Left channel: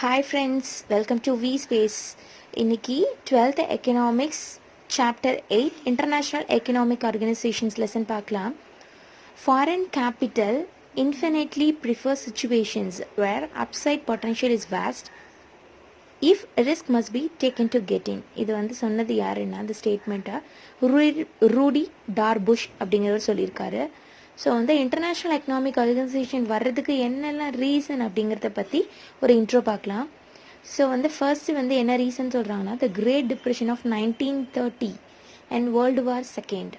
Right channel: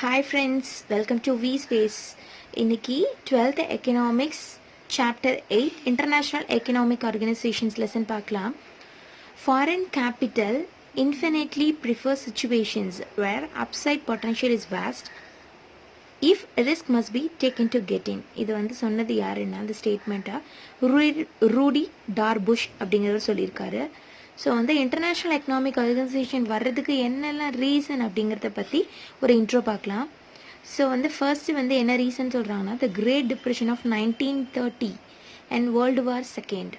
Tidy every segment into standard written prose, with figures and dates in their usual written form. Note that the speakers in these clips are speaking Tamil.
Hi friends, welcome to V Space. இன்னைக்கு 12th Economics Chapter 8 International Economic Organizations lesson பார்க்கலாம். Foreign capital infinitely prefers situations where upside potential is vast if risk must be taken to get in. இது வந்து சொன்னது யாருன்னா அந்த ஸ்டேட்மெண்ட்டை ரூடி டார்புஷ் அப்படிங்கிறவர் சொல்லியிருக்காரு. ஸோ வந்து இன்டர்நேஷ்னல் எக்கனாமிக் ஆர்கனைசேஷன் வர்றதுக்கு என்னெல்லாம் ரீசன் அப்படிங்கிறத பற்றி ஒரு இன்ட்ரோ பார்க்கலாம். ஸோ வந்து ஃபர்ஸ்ட் வந்து என்ன ரீசன் சொல்கிறாங்கன்னா the great depression of 1930 and world war second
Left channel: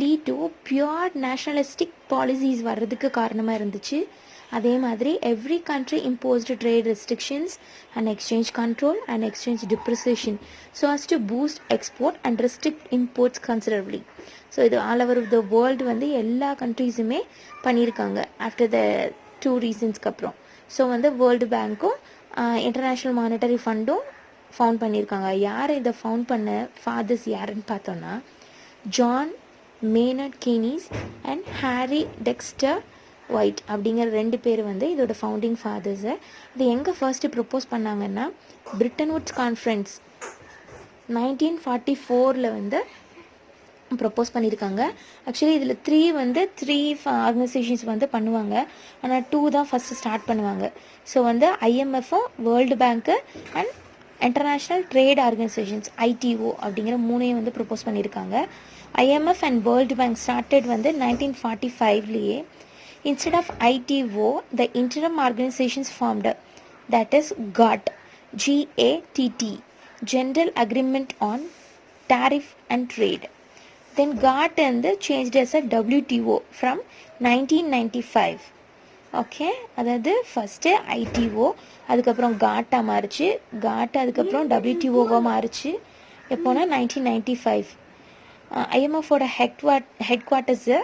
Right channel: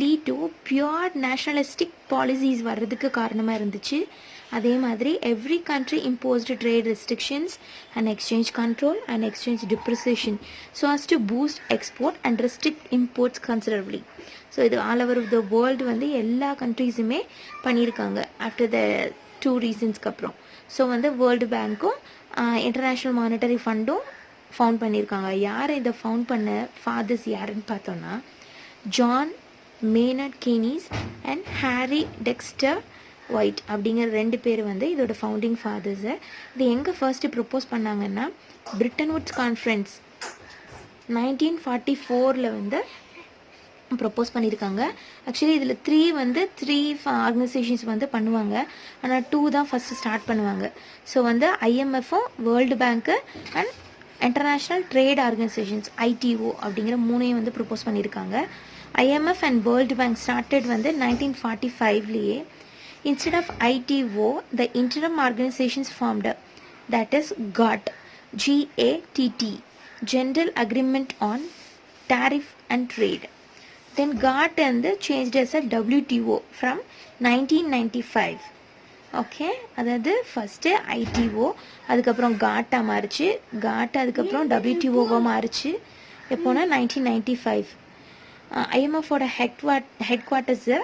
lead to pure nationalistic policies வர்றதுக்கு காரணமாக இருந்துச்சு. அதே மாதிரி every country imposed trade restrictions and exchange control and exchange depreciation so as to boost export and restrict imports considerably. So இது ஆல் ஓவர் த வேர்ல்டு வந்து எல்லா கண்ட்ரீஸுமே பண்ணியிருக்காங்க ஆஃப்டர் த 2 ரீசன்ஸ்க்கு அப்புறம். ஸோ வந்து வேர்ல்டு பேங்க்கும் இன்டர்நேஷ்னல் மானிட்டரி ஃபண்டும் ஃபவுண்ட் பண்ணியிருக்காங்க. யார் இதை ஃபவுண்ட் பண்ண ஃபாதர்ஸ் யாருன்னு பார்த்தோன்னா John Maynard Keynes and Harry Dexter White அப்படிங்கிற 2 பேர் வந்து இதோட ஃபவுண்டிங் ஃபாதர்ஸை. இது எங்கே ஃபர்ஸ்ட்டு ப்ரப்போஸ் பண்ணாங்கன்னா பிரிட்டன் வுட்ஸ் கான்ஃபரன்ஸ் 1944 வந்து ப்ரப்போஸ் பண்ணியிருக்காங்க. ஆக்சுவலி இதில் 3 ஆர்கனைசேஷன்ஸ் வந்து பண்ணுவாங்க, ஆனால் 2 தான் ஃபஸ்ட்டு ஸ்டார்ட் பண்ணுவாங்க. ஸோ வந்து ஐஎம்எஃப்பும் world bank and international trade organisations ITO அப்படிங்கிற 3 வந்து ப்ரப்போஸ் பண்ணியிருக்காங்க. IMF and world bank started வந்து 1945லேயே. Instead of ITO, the interim organizations formed, that is GATT, GATT, General Agreement on Tariff and Trade. Then GATT and changed as a WTO from 1995. Okay, அதாவது ஃபஸ்ட்டு ஐடிஓ, அதுக்கப்புறம் காட்டா மாறிச்சு, காட் அதுக்கப்புறம் WTOவாக மாறிச்சு. எப்போனா 1995. ஐஎம்எஃபோட ஹெட்குவார்ட்டர்ஸு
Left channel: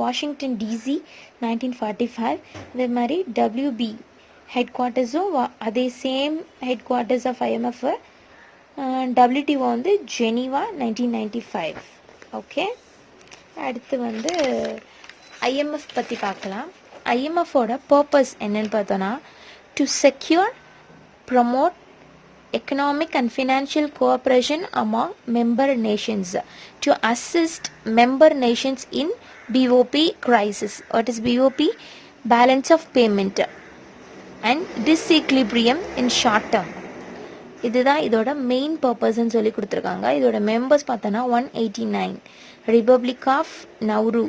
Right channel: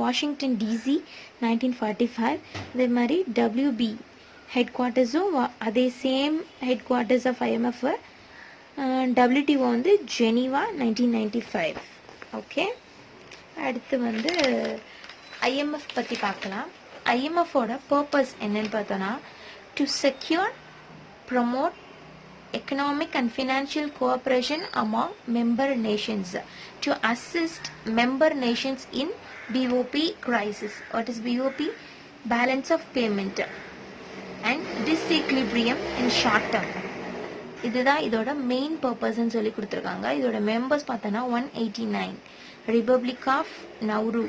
வாஷிங்டன் டிசி 1945. அதே மாதிரி WB ஹெட்குவார்ட்டர்ஸும் அதே same headquarters of IMF. WTO வந்து ஜெனீவா 1995. ஓகே, அடுத்து வந்து ஐஎம்எஃப் பற்றி பார்க்கலாம். ஐஎம்எஃபோட பர்பஸ் என்னன்னு பார்த்தோன்னா to secure promote economic and financial cooperation among member nations to assist member nations in BOP crisis. What is BOP? Balance of payment and disequilibrium in short term. இதுதான் இதோட மெயின் பர்பஸ்ன்னு சொல்லி கொடுத்துருக்காங்க. இதோட மெம்பர்ஸ் பார்த்தோன்னா 189. Republic of Nauru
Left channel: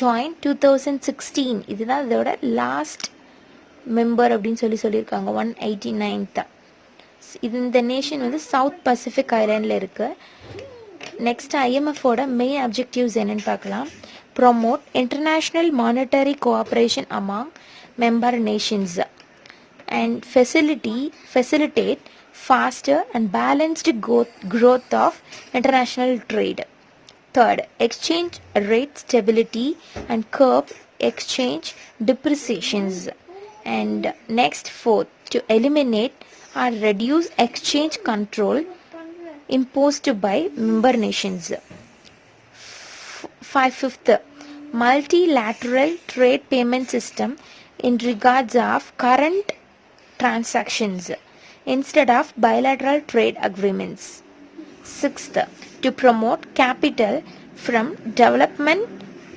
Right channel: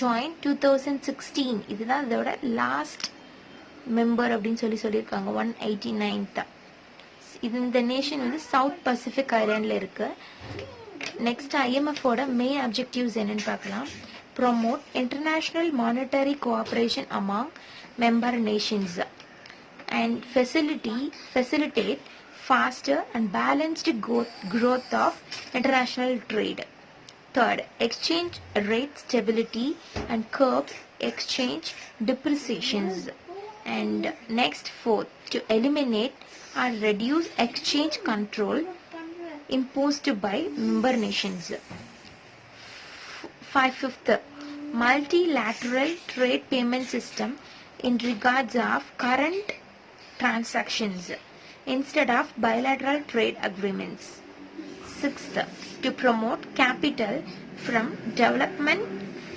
join 2016. இதுதான் இதோட லாஸ்ட் மெம்பர் அப்படின்னு சொல்லியிருக்காங்க 189th. இந்த நேஷன் வந்து சவுத் பசிபிக் ஐலாண்டில் இருக்கு. நெக்ஸ்ட் ஐஎம்எஃபோட மெயின் அப்ஜெக்டிவ்ஸ் என்னன்னு பார்க்கலாம். Promote international monetary cooperation among member nations and facilitate foster and balanced growth of international trade. Third, exchange rate stability and curb exchange depreciations. And next, fourth, to eliminate or reduce exchange control imposed by member nations. Fifth, multilateral trade payment system in regards of current transactions instead of bilateral trade agreements. Sixth, to promote capital from development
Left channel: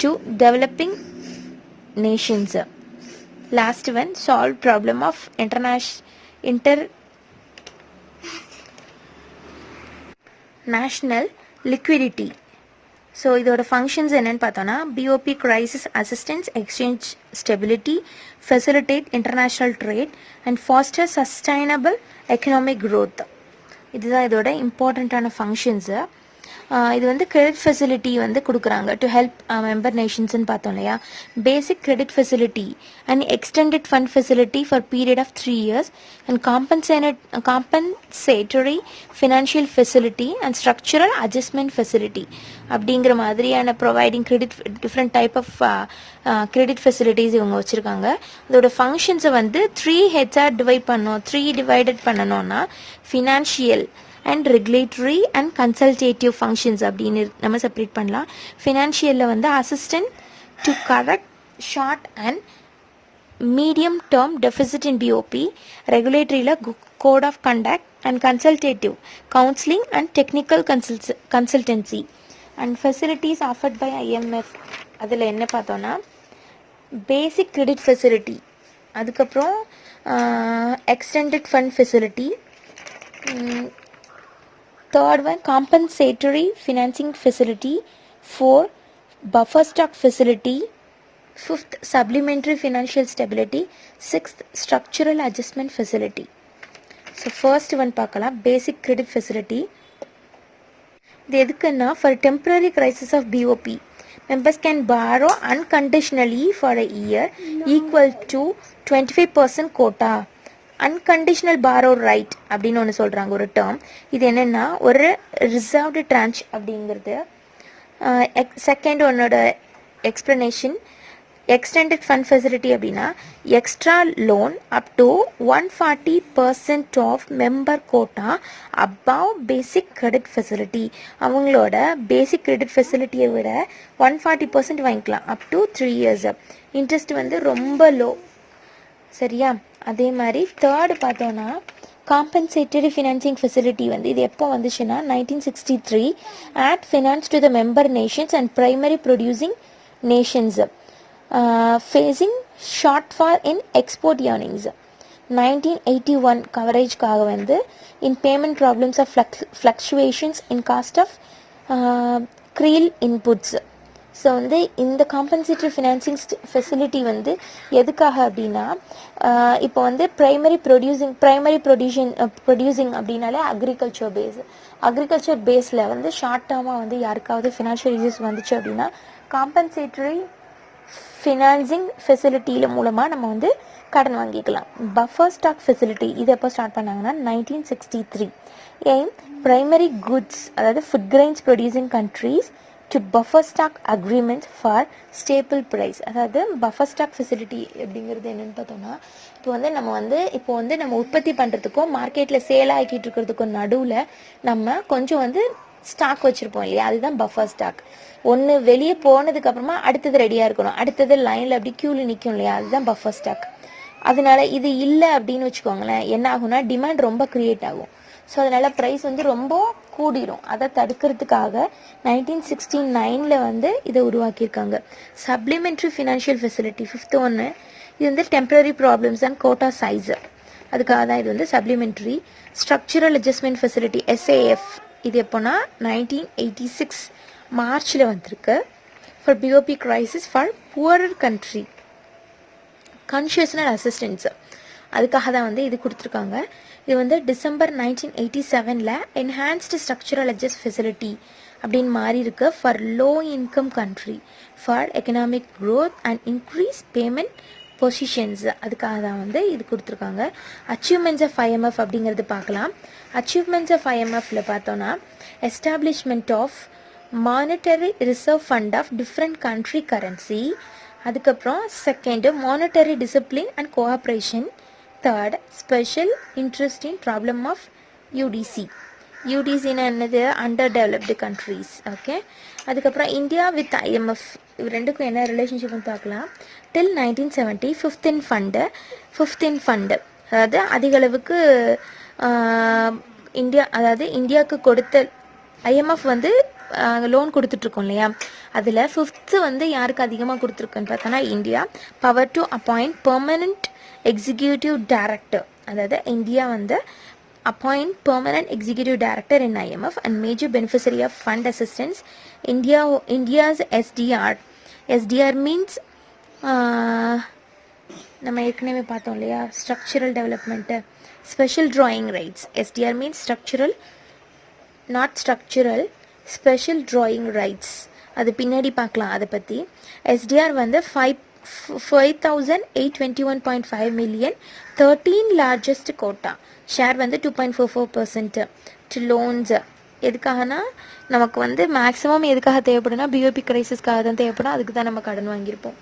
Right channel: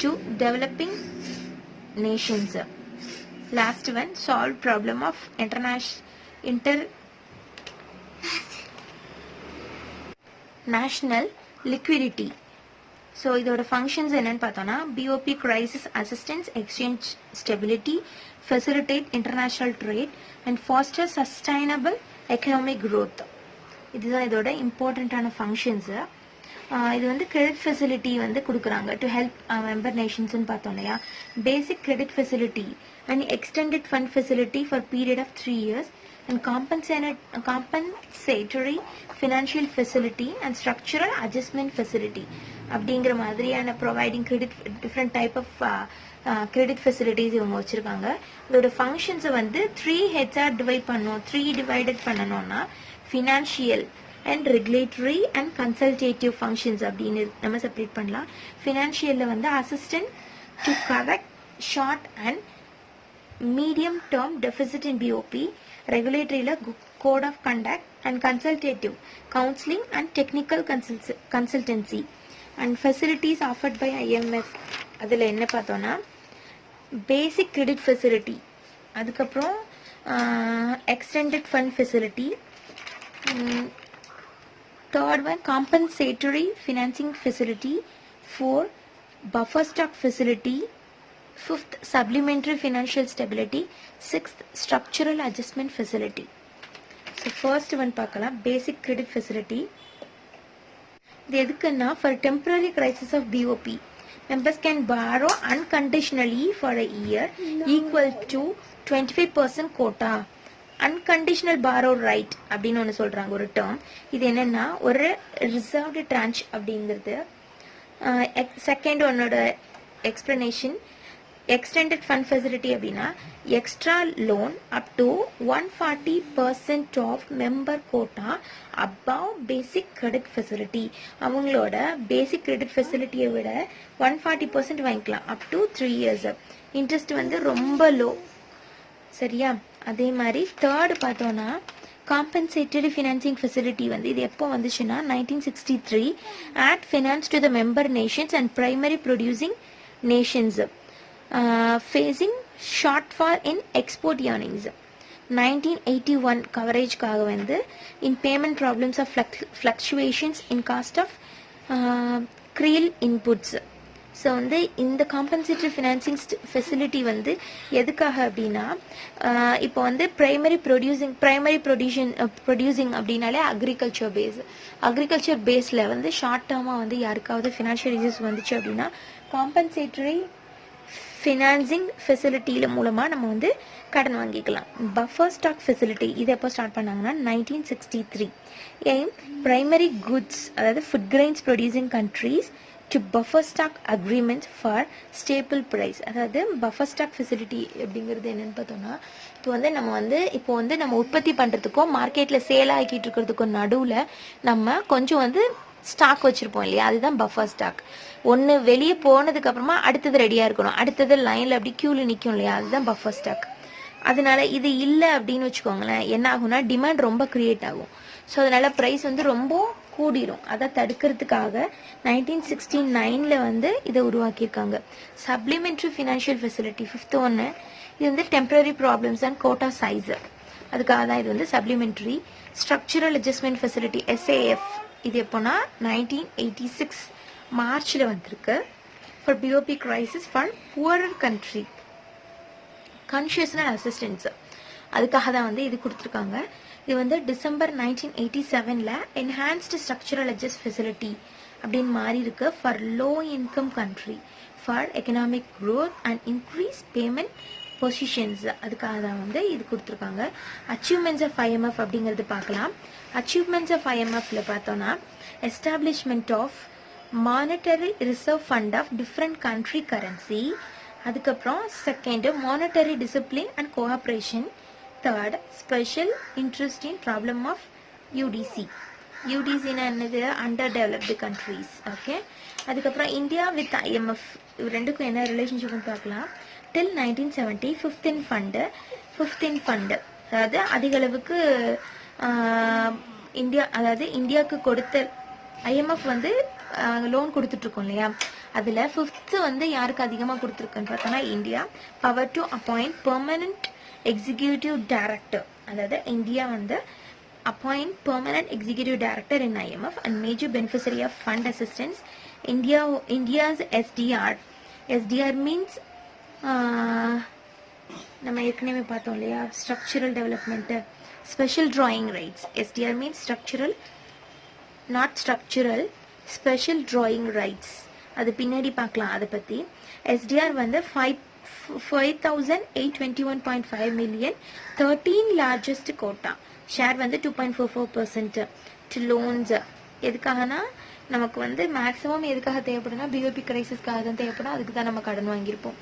to developing nations. Last one, solve problem of international liquidity. So இதோட ஃபங்க்ஷன்ஸ் என்னன்னு பார்த்தோன்னா BOP crisis assistance, exchange stability, facilitate international trade and foster sustainable economic growth. இதுதான் இதோட இம்பார்ட்டண்ட்டான ஃபங்க்ஷன்ஸு. இது வந்து கிரெடிட் ஃபெசிலிட்டி வந்து கொடுக்குறாங்க டு ஹெல்ப் மெம்பர் நேஷன்ஸ்ன்னு பார்த்தோம் இல்லையா. Basic credit facility and extended fund facility for period of 3 years and compensatory financial facility and structural adjustment facility அப்படிங்கிற மாதிரியான providing different type of credit facilities இவங்க வச்சுருக்காங்க. இதோட ஃபங்க்ஷன்ஸை வந்து 3 ஹெட்ஸாக டிவைடட் பண்ணணும்னா financial and regulatory and consultative functions அப்படின்னு நம்ம செப்பரேட் பண்ணலாம். ஃபினான்ஷியலில் வந்து assistant to correct short and medium-term deficit in BOP, regulatory code of conduct and consultative counseling and technical consultancy and facilities offered by IMF. அதில் என்ன பார்த்தோன்னா basic credit facility, அதுக்கப்புறம் extended fund facility, third one compensatory financing facility, fourth buffer stock facility, fifth supplementary financial stability, sixth structural adjustment facility. So first one பார்க்கலாம் basic credit facility. இது எதுக்குன்னா for temporary crisis of BOP members can borrow unconditionally for a year equal to 25% quota. Unconditional borrow right அப்படின்னு ஒன்று சொல்கிறாங்க ஒரு டேர்ம். இது என்னென்னா ஒரு ரிசர்வ்டு ட்ரான்ச் அப்படிங்கிறது. செகண்ட் ஒன்னோட எக்ஸ்ப்ளனேஷன் extended fund facility அப்படின்னா extra loan up to 140% of member quota above basic credit facility. அவங்களோட basic credit facility விட 140% வாங்கிக்கலாம் up to 3 years. இன்ட்ரெஸ்ட் வந்து ரொம்ப லோ. சரியா? அதே மாதிரி தேர்டு பார்த்தோன்னா காம்பன்சேட்டரி ஃபினான்சிங் ஃபெசிலிட்டி வந்து இது எப்போ வந்துச்சுன்னா 1963 add finance to the member nations and primary producing nations facing shortfall in export earnings. 1981 கவரேஜ்க்காக வந்து in payment problems of fluctuations in cost of cereal inputs. So வந்து இந்த காம்பன்சேட்டரி ஃபினான்சிங் ஃபெசிலிட்டி வந்து எதுக்காக அப்படின்னா இப்போ வந்து ப்ரைமரி ப்ரொடியூசிங் அப்படின்னாலே அக்ரிகல்ச்சர் பேஸில் வந்து ஷார்ட் டேர்மாக வந்து யாருக்காவது ஃபினான்ஷியல் இஷ்யூஸ் வந்துச்சு அப்படின்னா காம்பன்சேட்டரி ஃபினான்சிங் ஃபெசிலிட்டியில் மூலமாக நம்ம வந்து கடன் வாங்கிக்கலாம். பஃபர் ஸ்டாக் ஃபெசிலிட்டி இது எப்போ ஸ்டார்ட் பண்ணாங்கன்னா 1963. எய்ம் பிரைமரி குட்ஸ் அதாவது food grains producing countries to buffer stock agreement for staple price. அதாவது buffer stock facility அப்படிங்கிறது என்னென்னு பார்த்தோன்னா இப்போ வந்து நம்ம உற்பத்தி பண்ணுறதுக்கும் மார்க்கெட்டில் சேல் ஆகிட்டு இருக்கிறதுக்கும் நடுவில் நம்ம கொஞ்சம் வந்து ஸ்டாக் வச்சுருப்போம் இல்லையா, அதுதான் பஃபர் ஸ்டாக். ஒன்று வெளியே போனதுக்கப்புறமா அடுத்தது ரெடியாக இருக்கணும், அடுத்தது லைனில் அப்படி க்யூவில் நிற்கும் இல்லையா, அதுதான் பஃபர் ஸ்டாக். அதனால இது இல்லை அப்படின்னு வச்சுக்கோங்களேன், என்ன ஆகும்னா டிமாண்ட் ரொம்ப க்ரியேட் ஆகும். ஸோ அதனால ப்ரைஸ் வந்து ரொம்ப கூடிரும். அதை தடுக்கிறதுக்காக 1969 வந்து இதை உருவாக்கியிருக்காங்க. சப்ளிமெண்ட்ரி ஃபினான்ஷியல் ஃபெசிலிட்டி ஃபிஃப்த் ஒன்று, இது வந்து temporary problems and quota size, அதுக்காக தான் இது வந்து supplementary. Structural adjustment facility SAF இது எப்போனா 1986 மார்ச்சில் வந்திருக்கு. For BOP crisis for poorer country concessional assistance, அதுக்காக தான் வந்து இது கொடுத்துருக்காங்க. இது வந்து December 1987 enhanced structural adjust facility அப்படின்னு மாறி இருக்கு for low income country for economic growth and increase payment positions, அதுக்காக தான் வந்து இது கொடுத்துருக்காங்க. அச்சீவ்மெண்ட்ஸ் ஆஃப் IMF அப்படிங்கிறது பார்க்கலாம். அச்சீவ்மெண்ட்ஸ் ஆஃப் IMFல பார்த்தோன்னா establishment of monetary reserve fund of different country currency, அதுக்கப்புறம் second monetary discipline and cooperation, third special interest in problem of UDCனா என்னது, அண்டர் டெவலப்டு கண்ட்ரீஸ். ஓகே, அதுக்கப்புறம் இந்தியா வித் IMF இது ரெண்டுக்கும் என்ன ரிலேஷன்ஷிப்னு பார்க்கலாம். டில் 1970 ஃபிஃப்த் இன் ஃபண்டு, அதாவது அதிக அளவுக்கு இந்தியாவுக்கு கொடுத்த IMF வந்து லோன் கொடுத்துட்ருக்கோம் இல்லையா, அதில் ஃபிஃப்த்து வந்து யாருக்கு அதிகமாக கொடுத்துருக்குன்னு பார்த்தோன்னா India. Power to appoint permanent executive director, அதாவது இந்தியா வந்து appoint permanent executive director in IMF and major beneficiary of fund assistance. India's SDR means நம்ம ஏற்கனவே பார்த்தோம் இல்லையா structural development, special drawing rights. SDR means structural not structural, special drawing rights, அது பின்னாடி பார்க்கலாம் அதை பற்றி. SDR வந்து 5,821.5 million, 13 largest quota, ஷேர் வந்து 2.44% டு லோன்ஸ். எதுக்காகனா நமக்கு வந்து மேக்ஸிமம் எதுக்காக தேவைப்படுனா பிஓபி கிரைசிஸ்க்காக தான் தேவைப்படும், அதுக்கு தான் நம்ம கடன் வாங்கியிருப்போம்.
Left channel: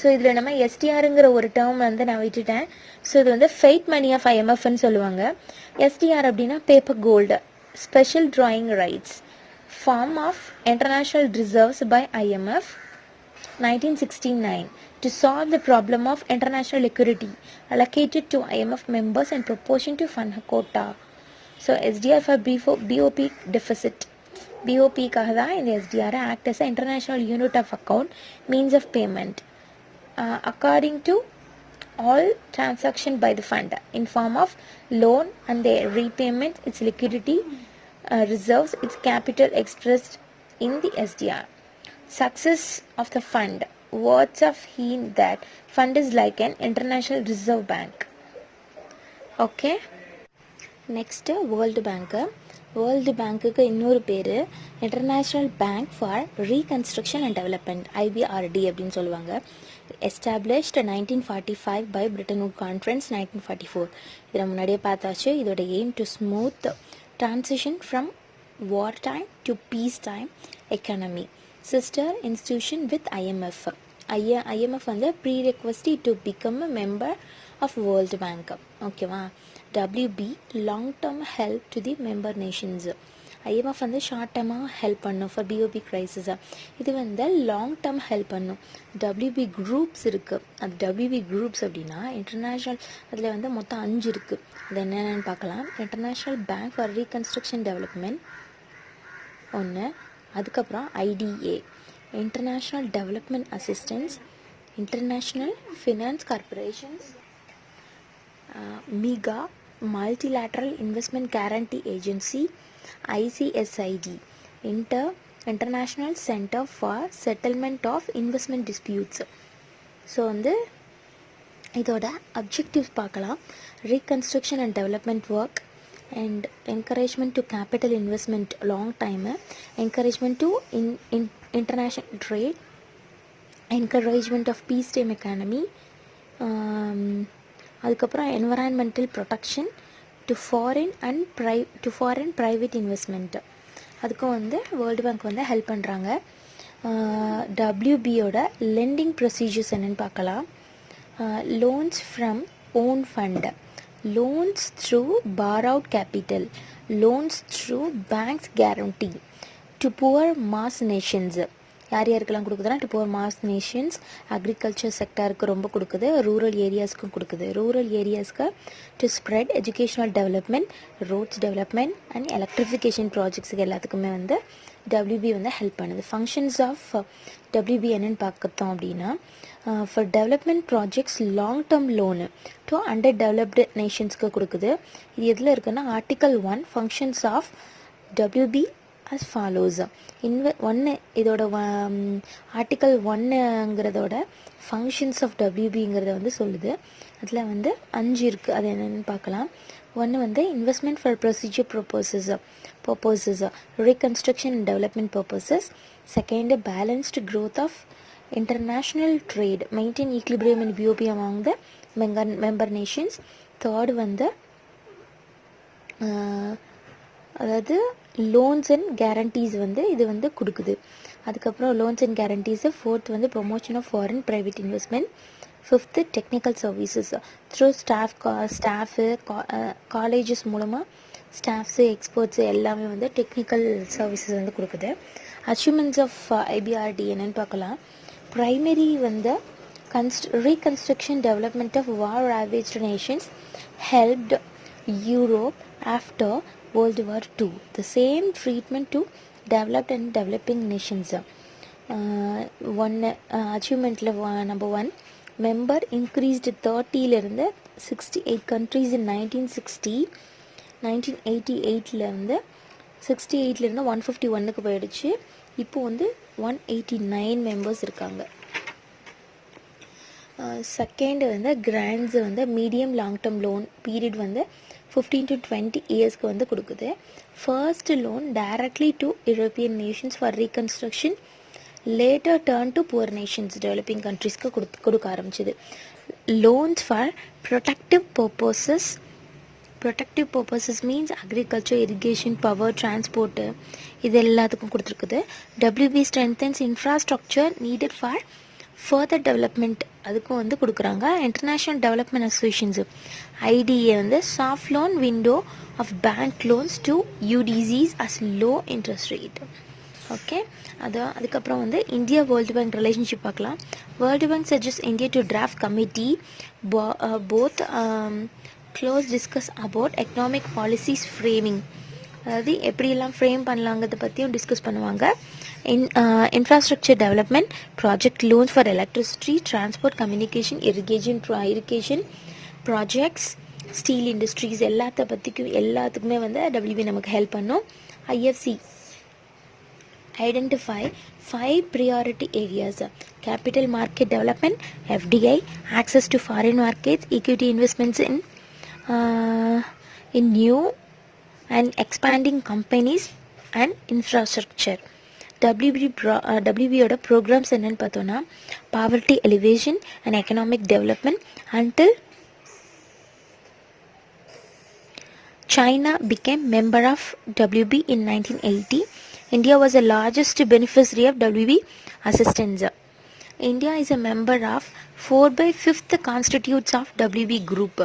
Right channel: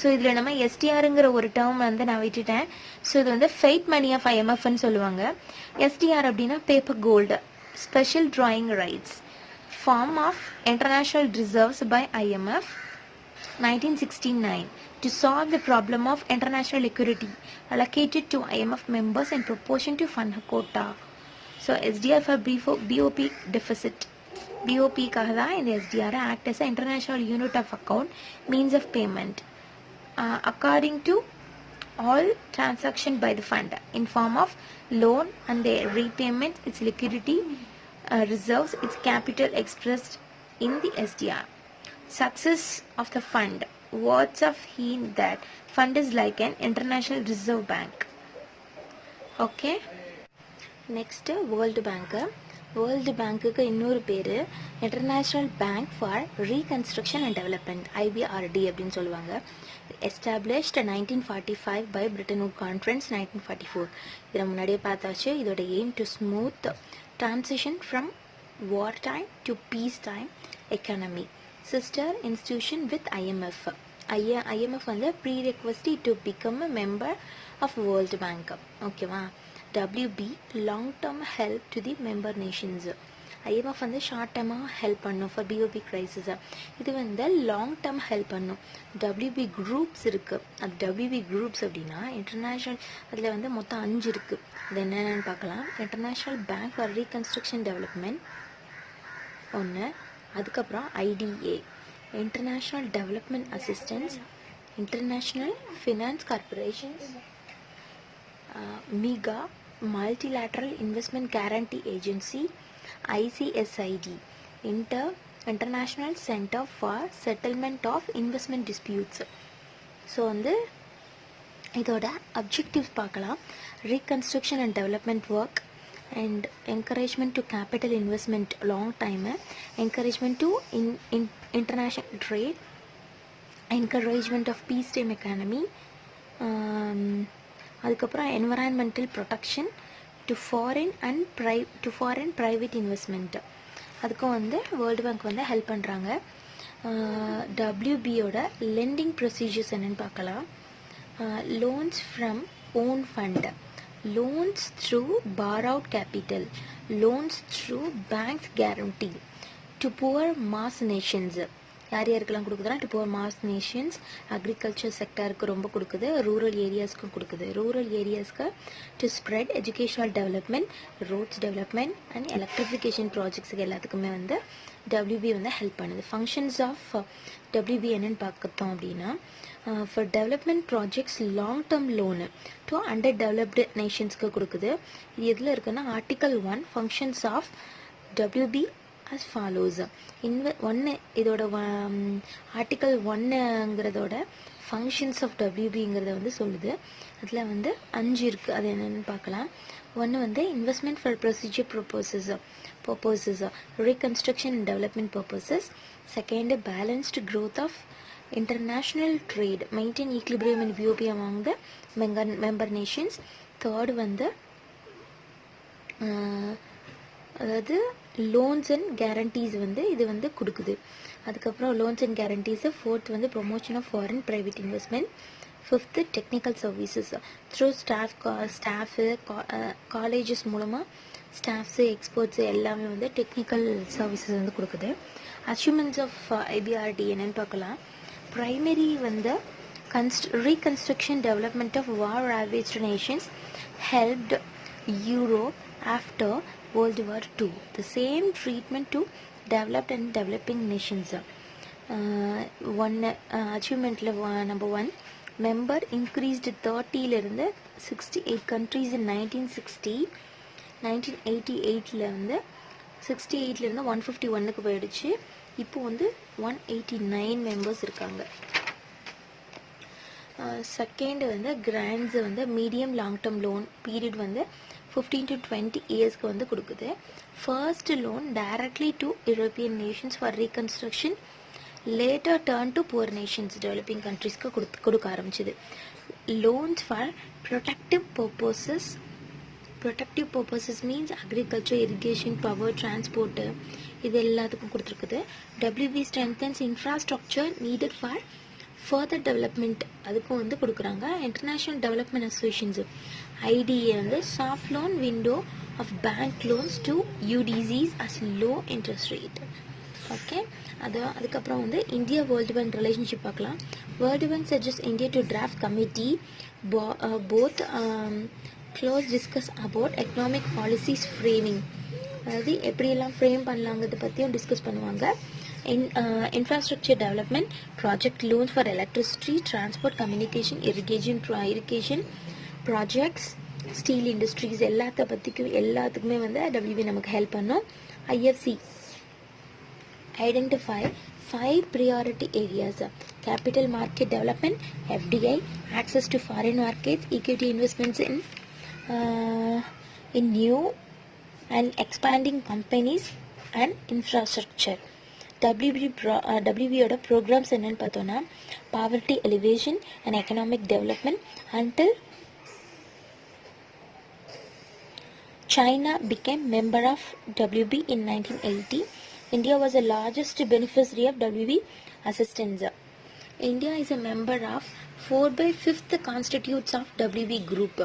ஸோ இதில் நம்ம SDRங்கிற ஒரு டேர்ம் வந்து நான் விட்டுட்டேன். ஸோ இது வந்து ஃபெய்த் மணி ஆஃப் IMFன்னு சொல்லுவாங்க. SDR அப்படின்னா paper gold, special drawing rights, form of international reserves by IMF 1969. to solve the problem of international liquidity allocated to IMF members in proportion to fund quota. So SDR for BOP deficit. BOP காக தான் இந்த SDR act as an international unit of account means of payment according to all transaction by the fund in form of loan on the repayment its liquidity reserves its capital expressed in the SDR. Success of the fund. Words of hint that fund is like an international reserve bank. Okay. Next World Bank. World Bank க்கு இன்னொரு பேரு international bank for reconstruction and development IBRD அப்படின்னு சொல்லுவாங்க. Established 1945 by Bretton Woods Conference 1944. இதை முன்னாடியே பார்த்தாச்சு. இதோட aim to smooth transition from wartime to peacetime economy. Sister institution with IMF. IMF வந்து prerequisite to become a member of World Bank. ஓகேவா? WB long term help to the member nations. IMF வந்து ஷார்ட் டேர்மாக ஹெல்ப் பண்ணும் ஃபார் BOP crisis. இது வந்து லாங் டேர்ம் ஹெல்ப் பண்ணும். WB குரூப்ஸ் இருக்குது. அது WB குரூப்ஸ் அப்படின்னா இன்டர்நேஷ்னல், அதில் வந்து மொத்தம் 5 இருக்குது. அது என்னென்னு பார்க்கலாம். International bank for reconstruction development ஒன்று, அதுக்கப்புறம் IDA international development assistance, international finance corporations, MIGA multilateral investment guarantee agency, ICSID International Center for Settlement of Investment Disputes. So வந்து இதோட அப்ஜெக்டிவ் பார்க்கலாம். Reconstruction and development work and encouragement to capital investment long time, encouragement to international trade, encouragement of peacetime economy, அதுக்கப்புறம் environmental protection to foreign private investment. அதுக்கும் வந்து வேர்ல்டு பேங்க் வந்து ஹெல்ப் பண்ணுறாங்க. WBயோட லெண்டிங் ப்ரொசீஜர்ஸ் என்னென்னு பார்க்கலாம். Loans from own fund, loans through borrowed capital, loans through banks guarantee to poor mass nations. யார் யாருக்கெல்லாம் கொடுக்குதுன்னா to poor mass nations, agriculture செக்டருக்கு ரொம்ப கொடுக்குது, ரூரல் ஏரியாஸ்க்கும் கொடுக்குது. ரூரல் ஏரியாஸ்க்கு to spread educational development, roads development and electrification projects, இது எல்லாத்துக்குமே வந்து WB வந்து ஹெல்ப் பண்ணுது. ஃபங்க்ஷன்ஸ் ஆஃப் WB என்னென்னு பார்க்கத்தோம் அப்படின்னா, for development projects long term loan to under developed நேஷன்ஸ்க்கு கொடுக்குது. இது எதில் இருக்குன்னா article 1 functions of WB as follows. இதோட ஆர்டிக்கல் 1ங்கிறதோட ஃபங்க்ஷன்ஸ் ஆஃப் WBங்கிறத வந்து சொல்லுது. அதில் வந்து 5 இருக்குது. அது என்னென்னு பார்க்கலாம். 1 வந்து investment for procedure purposes, reconstruction and development purposes. Second, balanced growth of international trade, maintain equilibrium in BOP among the member nations. Third வந்து அதாவது லோன்ஸ் அண்ட் கேரண்டீஸ் வந்து இது வந்து கொடுக்குது. அதுக்கப்புறம் லோன்ஸ் அண்ட் கேரண்டீஸு. ஃபோர்த் வந்து promotion of foreign private investment. Fifth technical services through staff colleges மூலமாக ஸ்டாஃப்ஸு எக்ஸ்பர்ட்ஸு எல்லாமே வந்து டெக்னிக்கல் சர்வீசஸ் வந்து கொடுக்குது. அச்சீவ்மெண்ட்ஸ் ஆஃப் IBRD என்னென்னு பார்க்கலாம். ப்ரைமரி வந்து reconstruction development of war ravaged nations helped Europe after World War II. The same treatment to developed and developing nations. Achievement number 1, member increased 30லிருந்து 68 countries in 1960. 1988லேருந்து 68லேருந்து 151க்கு போயிடுச்சு. இப்போ வந்து 189 மெம்பர்ஸ் இருக்காங்க. செகண்ட் வந்து கிராண்ட்ஸ் வந்து medium long term loan period வந்து 15 to 20 இயர்ஸ்க்கு வந்து கொடுக்குது. First loan directly to European nations for reconstruction, later turn to poor nations developing கண்ட்ரிஸ்க்கு கொடுக்க ஆரம்பிச்சிது. Loans for productive purposes means agriculture, irrigation, power, transport, இது எல்லாத்துக்கும் கொடுத்துருக்குது. WB strengthens infrastructure needed for further development, அதுக்கும் வந்து கொடுக்குறாங்க. இன்டர்நேஷ்னல் டெவலப்மெண்ட் அசோசியேஷன்ஸு IDA வந்து soft loan window of bank loans to UDCs as low interest rate. Okay, அதுக்கப்புறம் வந்து இந்தியா வேர்ல்டு பேங்க் ரிலேஷன்ஷிப் பார்க்கலாம். World bank suggest India to draft committee both close discuss about economic policies framing, அதாவது எப்படியெல்லாம் ஃப்ரேம் பண்ணலாங்கிறத பற்றியும் டிஸ்கஸ் பண்ணுவாங்க. Infrastructure development, project loans for electricity, transport, communication, irrigation projects, steel industries எல்லாத்துக்குமே வந்து WB நமக்கு ஹெல்ப் பண்ணும். IFC identify 5 priority areas: capital market development, FDI, access to foreign markets, equity investments in new and expanding companies and infrastructure. WB ஓட programs என்னன்னு பார்த்தோன்னா poverty elevation and economic development until China became member of WB in 1980. India was the largest beneficiary of WB assistance. India is a member of 4/5 constituents of WB group.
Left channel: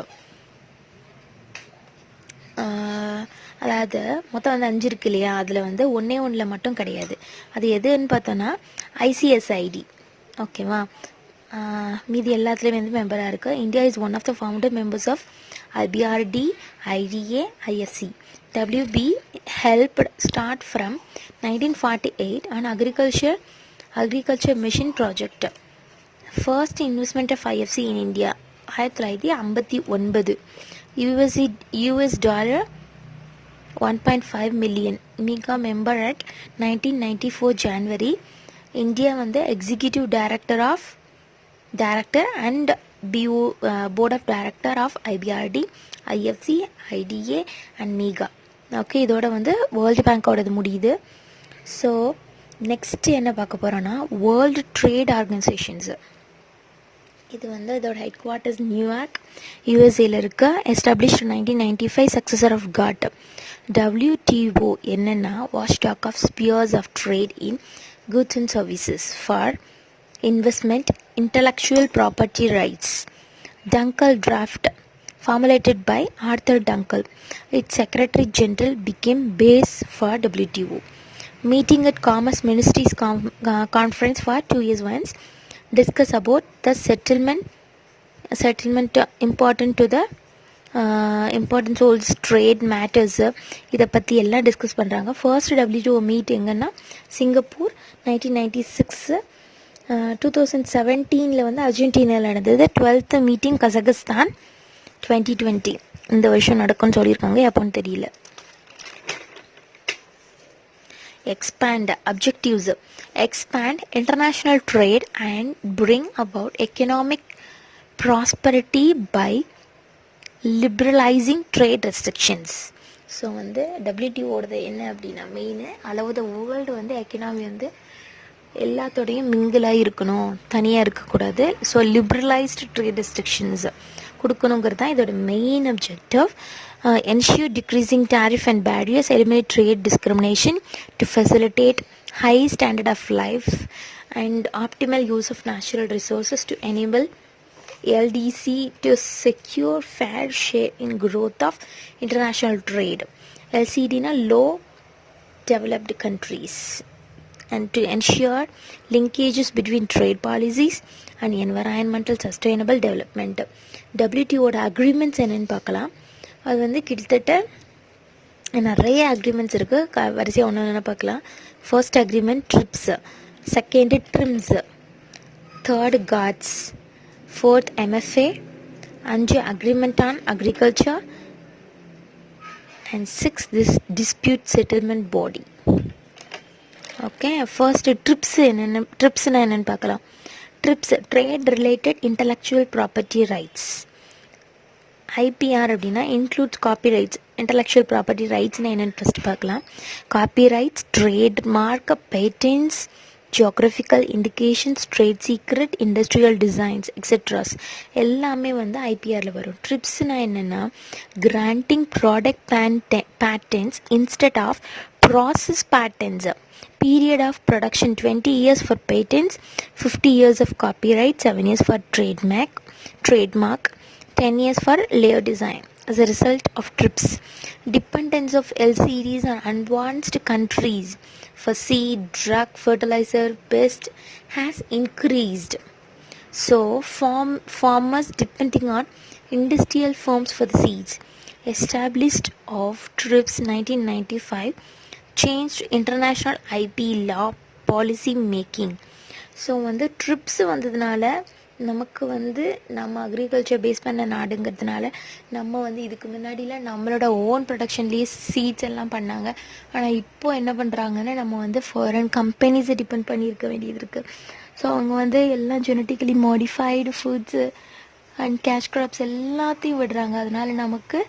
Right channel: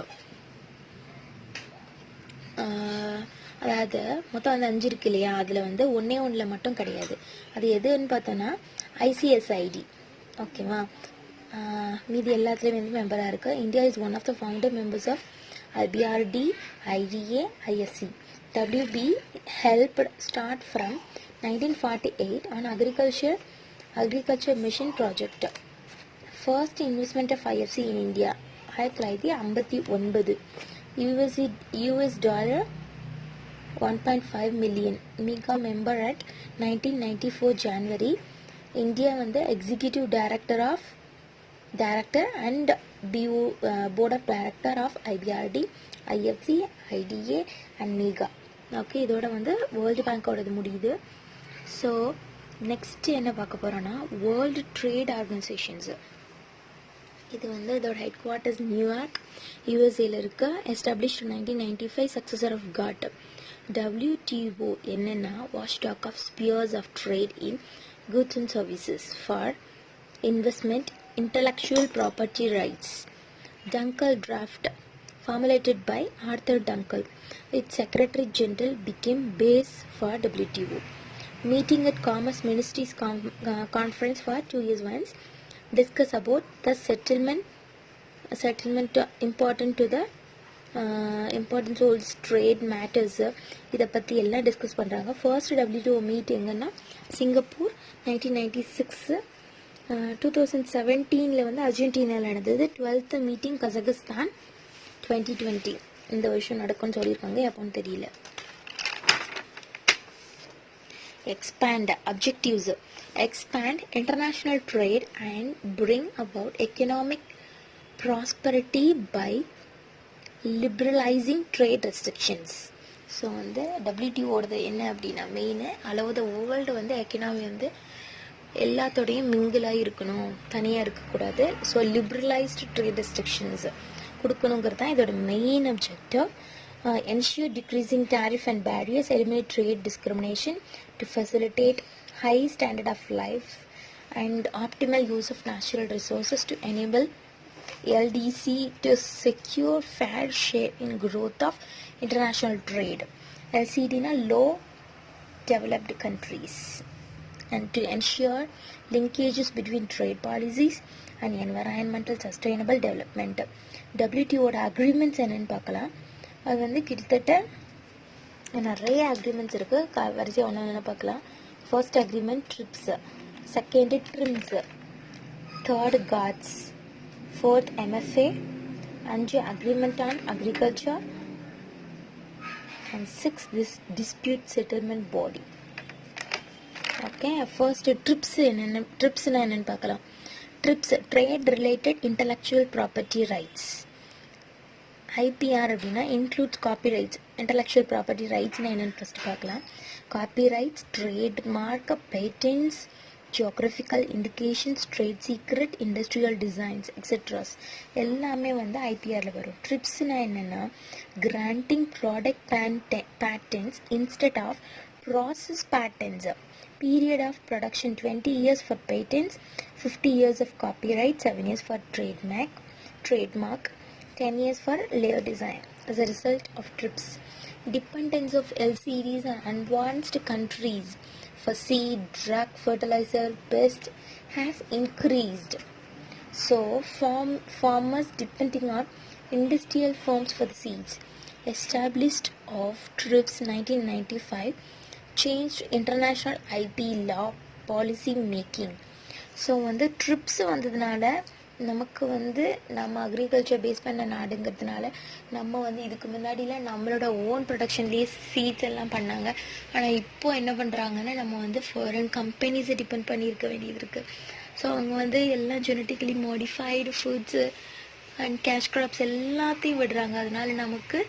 அதாவது மொத்தம் வந்து 5 இருக்கு இல்லையா, அதில் வந்து ஒன்றில் மட்டும் கிடையாது. அது எதுன்னு பார்த்தோன்னா ICSID. ஓகேவா, மீதி எல்லாத்துலேயும் வந்து மெம்பராக இருக்குது. India is one of the founder members of IBRD, IDA, IFC. WB helped start from 1948 an agriculture mission project. First investment of IFC in India 1959. US dollar 1.5 million. MEGA member at 1994 January. India வந்து executive director and board of director of IBRD, IFC, IDA and MEGA. Okay, இதோட வந்து வேர்ல்டு பேங்கோடது முடியுது. ஸோ நெக்ஸ்ட் என்ன பார்க்க போகிறோன்னா வேர்ல்டு ட்ரேட் ஆர்கனைசேஷன்ஸ். இது வந்து இதோட ஹெட் குவார்ட்டர்ஸ் நியூயார்க், USA இருக்க. Established 1995, successor of GATT. WTO என்னென்னா watchdog of spheres of trade in goods and services for investment, intellectual property rights. Dunkel draft formulated by Arthur Dunkel. Its Secretary General became base for WTO. Meeting at Commerce Ministries conference for 2 years once. Discuss about the settlement important to the important holds trade matters. இதை பற்றி எல்லாம் டிஸ்கஸ் பண்ணுறாங்க. ஃபர்ஸ்ட் WTO மீட் எங்கன்னா சிங்கப்பூர் 1996. 2017 வந்து அர்ஜென்டினாவில் நடந்தது. 12th meeting Kazakhstan 2020. இந்த வருஷம் நடக்கும்னு சொல்லியிருக்காங்க, எப்போன்னு தெரியல. Expand objectives. Expand international trade and bring about economic prosperity by liberalizing trade restrictions. So வந்து WTOடது என்ன அப்படின்னா மெயின் அளவு வேர்ல்டு வந்து எக்கனாமி வந்து எல்லாத்தோடையும் மிங்கிளாக இருக்கணும், தனியாக இருக்கக்கூடாது. ஸோ லிபரலைஸ்டு ட்ரேட் ரெஸ்ட்ரிக்ஷன்ஸ் கொடுக்கணுங்கிறது தான் இதோட main objective. ensure decreasing tariff and barriers, eliminate trade discrimination to facilitate high standard of life and optimal use of natural resources to enable LDC to secure fair share in growth of international trade. LCD na low developed countries, and to ensure linkages between trade policies and environmental sustainable development. WTO agreements என்னன்னு பார்க்கலாம். அது வந்து கிட்டத்தட்ட நிறைய அக்ரிமெண்ட்ஸ் இருக்குது. வரிசையாக ஒன்று பார்க்கலாம். First agreement TRIPS, second TRIMS, third GATS, fourth MFA, 5 agreement on agriculture and 6 dispute settlement body. Okay, first ட்ரிப்ஸ்னா என்னென்னு பார்க்கலாம். TRIPS trade related intellectual property rights. IPR அப்படின்னா இன்க்ளூட்ஸ் காப்பிரைட்ஸ். இன்டலெக்சுவல் ப்ராப்பர்ட்டி ரைட்ஸ்னால் என்னென்னு ஃபஸ்ட்டு பார்க்கலாம். Copyrights, trademark, patents, geographical indications, trade secret, industrial designs etceteras எல்லாமே வந்து IPRல வரும். ட்ரிப்ஸ்னால் என்னென்னா granting product patents instead of process patents. Period of production 20 years for patents, 50 years of copyright, 7 years for trademark, 10 years for layer design. As a result of TRIPS, dependence of LCDs on advanced countries for seed, drug, fertilizer, pest has increased. So farmers depending on industrial firms for the seeds. Established of TRIPS 1995 changed international IT law policy making. So வந்து ட்ரிப்ஸ் வந்ததுனால நமக்கு வந்து நம்ம அக்ரிகல்ச்சர் பேஸ் பண்ண நாடுங்கிறதுனால நம்ம வந்து இதுக்கு முன்னாடிலாம் நம்மளோட ஓன் ப்ரொடக்ஷன்லேயே சீட்ஸ் எல்லாம் பண்ணாங்க. ஆனால் இப்போது என்ன பண்ணுறாங்கன்னா நம்ம வந்து ஃபாரின் கம்பெனிஸை டிபெண்ட் பண்ணியிருக்க வேண்டியது இருக்குது. ஸோ அவங்க வந்து எல்லாம் genetically modified foods and cash crops எல்லாத்தையும் விடுறாங்க. அதனால நமக்கு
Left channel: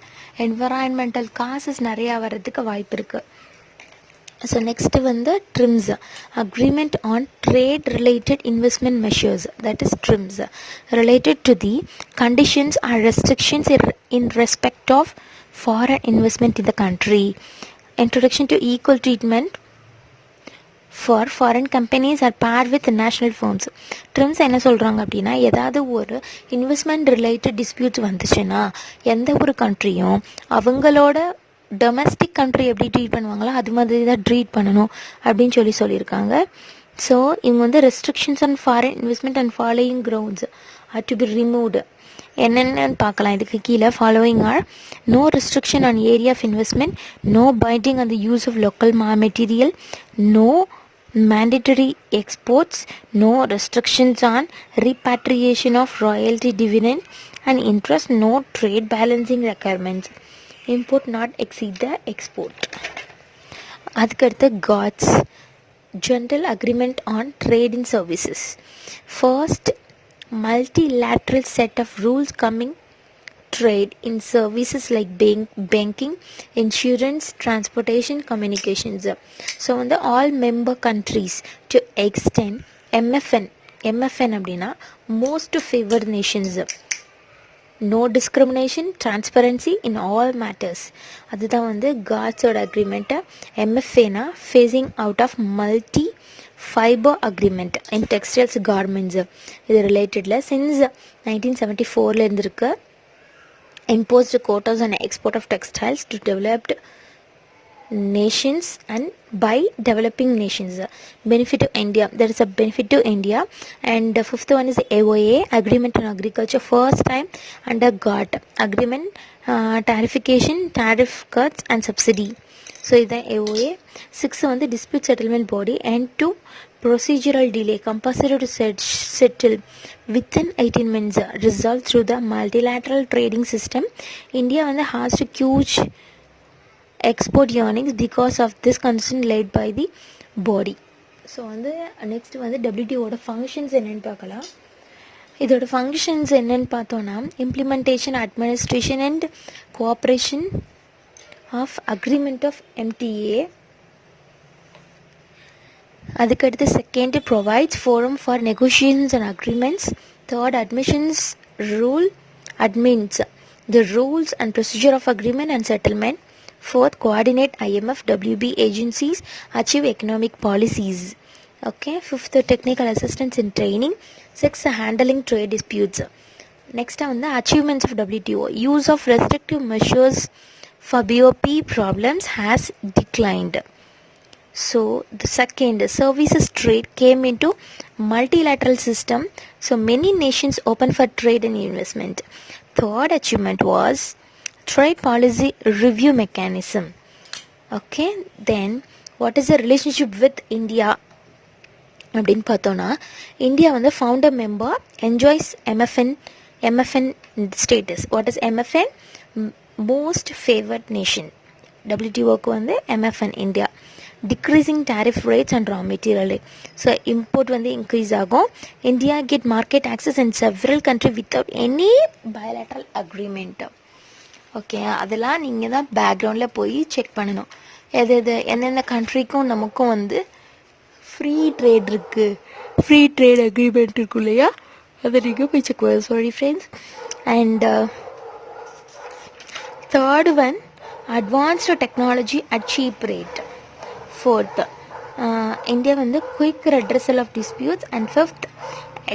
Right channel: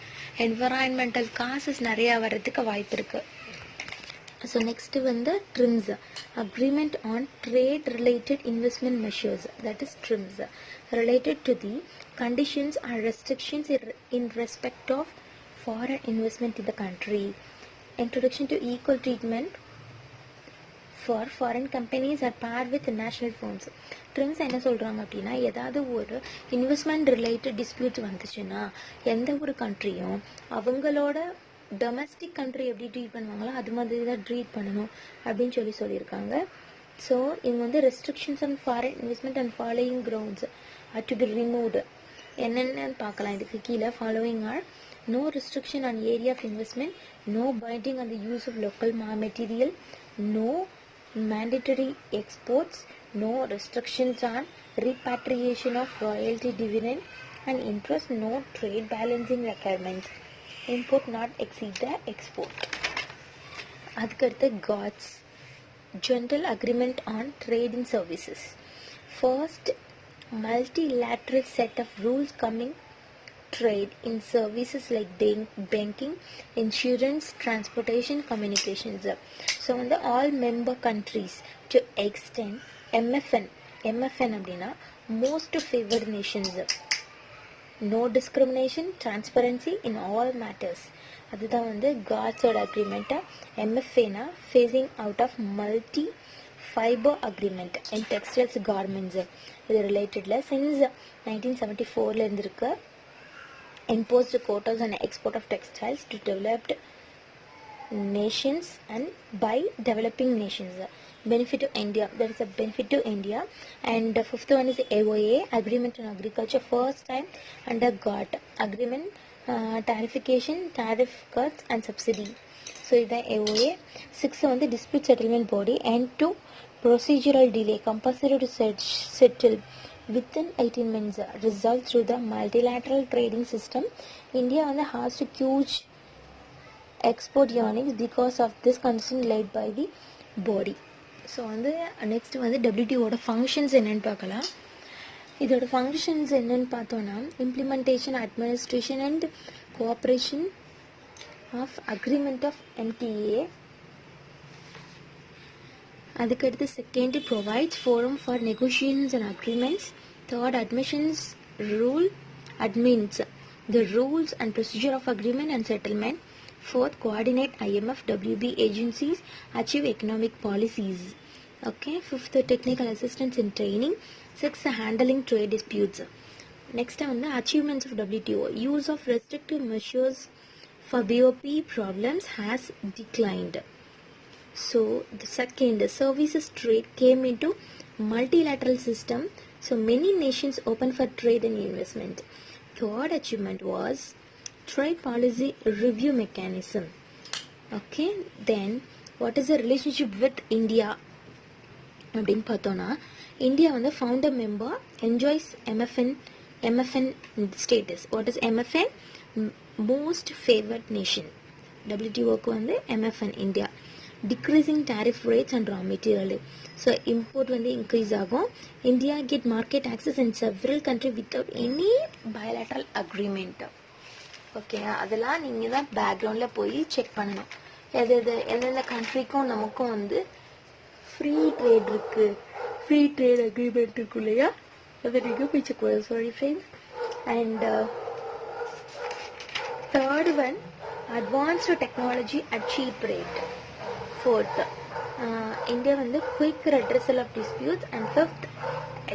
என்வரான்மெண்டல் காசஸ் நிறையா வர்றதுக்கு வாய்ப்பு இருக்குது. ஸோ நெக்ஸ்ட்டு வந்து TRIMS, agreement on trade related investment measures, that is TRIMS, related to the conditions or restrictions in respect of foreign investment in the country. Introduction to equal treatment for foreign companies or par with national firms. TRIMS என்ன சொல்கிறாங்க அப்படின்னா, ஏதாவது ஒரு இன்வெஸ்ட்மெண்ட் ரிலேட்டட் டிஸ்பியூட்ஸ் வந்துச்சுன்னா எந்த ஒரு கண்ட்ரியும் அவங்களோட டொமஸ்டிக் கண்ட்ரி எப்படி ட்ரீட் பண்ணுவாங்களோ அது மாதிரி தான் ட்ரீட் பண்ணணும் அப்படின்னு சொல்லியிருக்காங்க. ஸோ இவங்க வந்து restrictions on foreign investment and following grounds are to be removed. என்னென்னு பார்க்கலாம். இதுக்கு கீழே following are: no restriction on area of investment, no binding on the use of local material, no mandatory exports, no restrictions on repatriation of royalty dividend and interest, no trade balancing requirements, import not exceed the export. அதுக்கடுத்து GATS, General Agreement on Trade in Services. First multilateral set of rules coming trade in services like banking, insurance, transportation, communications. So on the all member countries to extend MFN அப்படின்னா most favored nations, no discrimination, transparency in all matters. அதுதான் வந்து காட்ஸோட agreement. MFAனா phasing out of multi fiber agreement in textiles garments. இது ரிலேட்டடில் சின்ஸ் 1974 இருந்திருக்கு. Imposed quotas on export of textiles to developed nations and by developing nations. Benefit to India, there is a benefit to India. And the fifth one is AOA, Agreement on Agriculture, first time under GATT agreement, tarification, tariff cuts and subsidy. So இது AOA. Sixth வந்து dispute settlement body, end to procedural delay, compulsory to settle within 18 months, resolved through the multilateral trading system. India வந்து has to huge export earnings because of this concern led by the body. So வந்து நெக்ஸ்ட் வந்து WTOட ஃபங்க்ஷன்ஸ் என்னென்னு பார்க்கலாம். இதோட ஃபங்க்ஷன்ஸ் என்னென்னு பார்த்தோன்னா, implementation, administration and cooperation of agreement of MTA. அதுக்கடுத்து second provides forum for negotiations and agreements. Third admissions rule admins the rules and procedure of agreement and settlement. Fourth, coordinate IMF, WB agencies, achieve economic policies. Okay. Fifth, technical assistance in training. Sixth, handling trade disputes. Next on the achievements of WTO. Use of restrictive measures for BOP problems has declined. So the second, services trade came into multilateral system. So many nations open for trade and investment. Third achievement was trade policy review mechanism. Okay, then what is the relationship with India அப்படின்னு பார்த்தோன்னா, இந்தியா வந்து founder member, enjoys MFN status. What is MFN? Most favored nation. WTOக்கு வந்து MFN India. Decreasing tariff rates and raw material. So import வந்து இன்க்ரீஸ் ஆகும். India get market access and several country without any bilateral agreement. Okay, அதெல்லாம் நீங்கள் தான் பேக்ரவுண்டில் போய் செக் பண்ணணும். எந்தெந்த கண்ட்ரிக்கும் நமக்கும் வந்து ஃப்ரீ ட்ரேட் இருக்குது, ஃப்ரீ ட்ரேட் அக்ரிமெண்ட் இருக்கும் இல்லையா, அதை நீங்கள் போய் செக் பண்ண. Sorry friends. And third one, advanced technology at cheap rate. Fourth, India வந்து quick redressal of disputes. And fifth,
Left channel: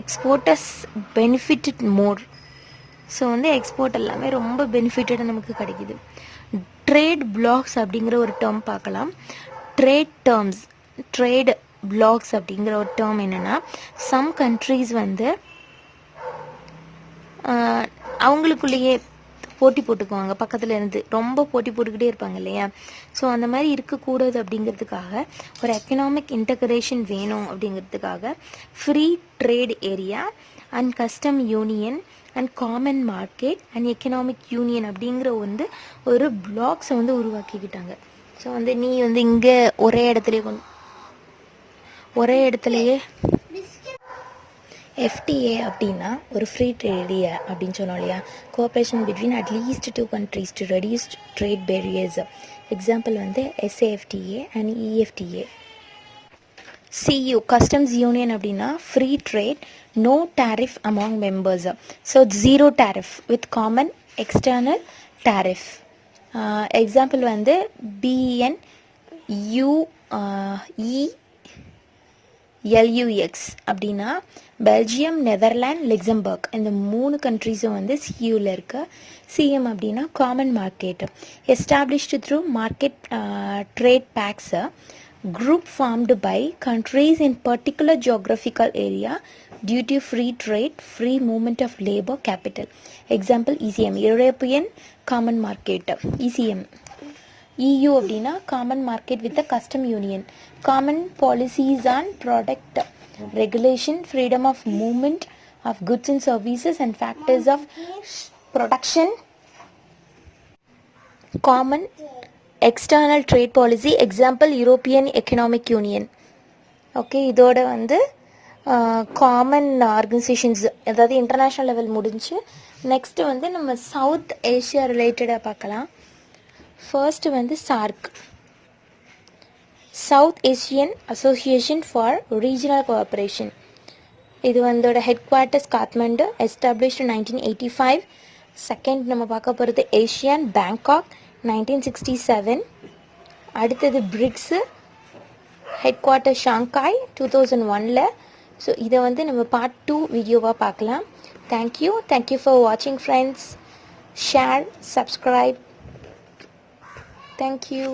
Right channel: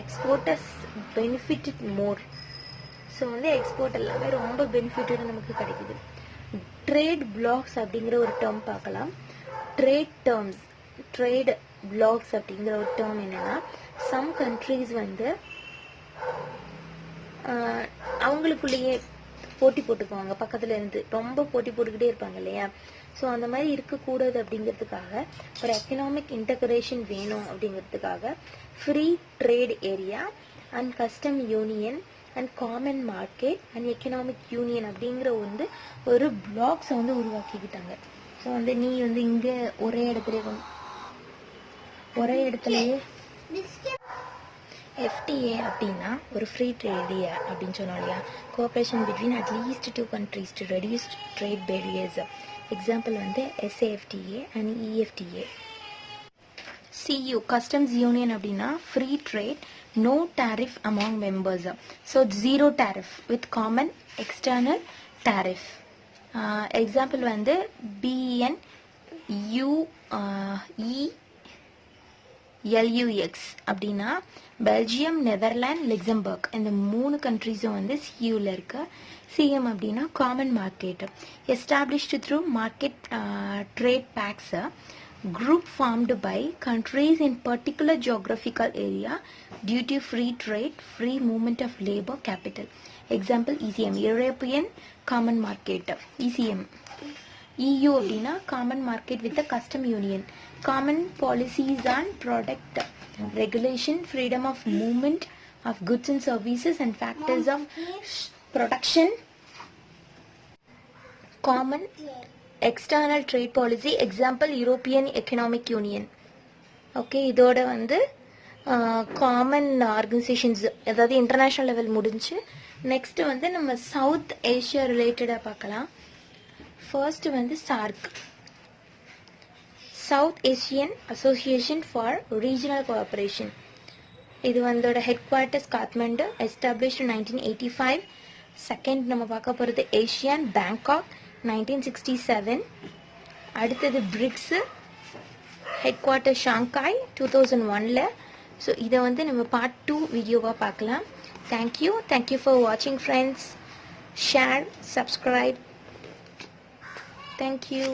exporters benefitted more. So வந்து எக்ஸ்போர்ட் எல்லாமே ரொம்ப பெனிஃபிட்டடாக நமக்கு கிடைக்குது. ட்ரேட் பிளாக்ஸ் அப்படிங்கிற ஒரு டேர்ம் பார்க்கலாம். ட்ரேட் டேர்ம்ஸ் ட்ரேட் பிளாக்ஸ் அப்படிங்கிற ஒரு டேர்ம் என்னென்னா, சம் கண்ட்ரீஸ் வந்து அவங்களுக்குள்ளேயே போட்டி போட்டுக்குவாங்க, பக்கத்தில் இருந்து ரொம்ப போட்டி போட்டுக்கிட்டே இருப்பாங்க இல்லையா. ஸோ அந்த மாதிரி இருக்கக்கூடாது அப்படிங்கிறதுக்காக, ஒரு எக்கனாமிக் இன்டகிரேஷன் வேணும் அப்படிங்கிறதுக்காக free trade area and custom union and common market and economic union அப்படிங்கிற வந்து ஒரு பிளாக்ஸை வந்து உருவாக்கிக்கிட்டாங்க. ஸோ வந்து நீ வந்து இங்கே ஒரே இடத்துலையே FTA அப்படின்னா ஒரு ஃப்ரீ ட்ரேட் ஏரியா அப்படின்னு சொன்னோம் இல்லையா. Cooperation between at least 2 countries to reduce trade barriers. Example வந்து SAFTA and EFTA. CU customs union அப்படின்னா free trade, no tariff among members. So zero tariff with common external tariff. Example வந்து BNUELUX அப்படின்னா பெல்ஜியம், நெதர்லாண்ட், லக்சம்பர்க் இந்த 3 கண்ட்ரீஸும் வந்து சியூவில் இருக்கு. CM அப்படின்னா common market, established through market trade pacts, group formed by countries in particular geographical area due to free trade, free movement of labor capital. Example ECM, European Common Market. ECM. EU அப்படின்னா common market with a custom union, common policies on product regulation, freedom of movement of goods and services and factors of production, common external trade policy. Example European Economic Union. Okay, இதோட வந்து காமன் ஆர்கனைசேஷன்ஸ் அதாவது இன்டர்நேஷ்னல் லெவல் முடிஞ்சு நெக்ஸ்ட்டு வந்து நம்ம சவுத் ஏஷியா ரிலேட்டடாக பார்க்கலாம். ஃபர்ஸ்ட் வந்து SAARC, south Asian association for regional cooperation. இது வந்தோட headquarters Kathmandu, established 1985. Second நம்ம பார்க்க போகிறது ஏஷியன், பேங்காக் 1967. அடுத்தது பிரிக்ஸு, ஹெட் குவார்ட்டர் ஷாங்காய் 2001. ஸோ இதை வந்து நம்ம பார்ட் 2 வீடியோவாக பார்க்கலாம். தேங்க்யூ ஃபார் வாட்சிங் ஃப்ரெண்ட்ஸ். Share, subscribe. தேங்க்யூ.